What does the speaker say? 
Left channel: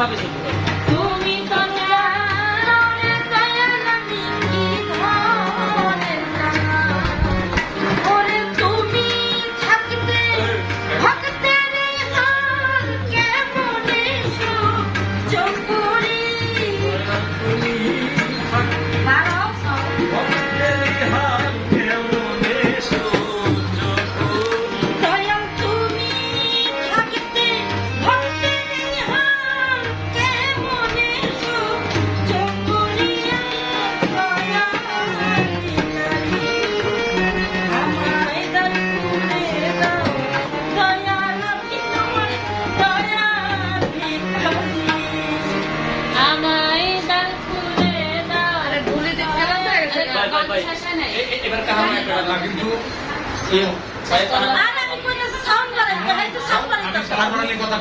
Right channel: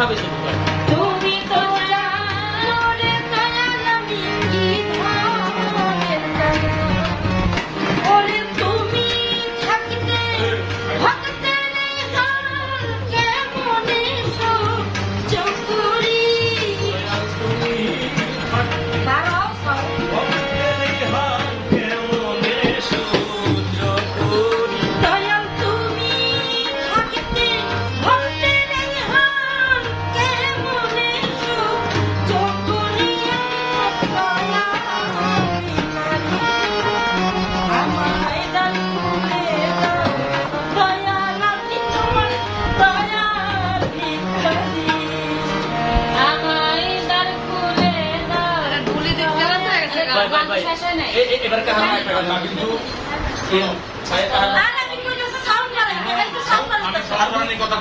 কিভাবে যেতে পারি? তুমি তো জানো রে দয়াল আমি কি ধরনের দয়াল। ওরে তুমি থাকতে ভক্তের হাল কেমনে সহ্য করি। বারো দয়াল তুমি থাকতে ভক্তের হাল কেমনে সহ্য করি। আমায় দান করে দাও দয়াল আমি তোমার দয়ার ভিখারি। আমায় দান করে দাও। ভুলে দিয়ে খারাপ হয়ে গেছে গান শেষ হয় নাই। এবার কাহানা না কিন্তু সাউন্ড আর আমি কইতাছি সাউন্ড বাড়াইতে, এই তো সাউন্ড বাড়াইতে। কথা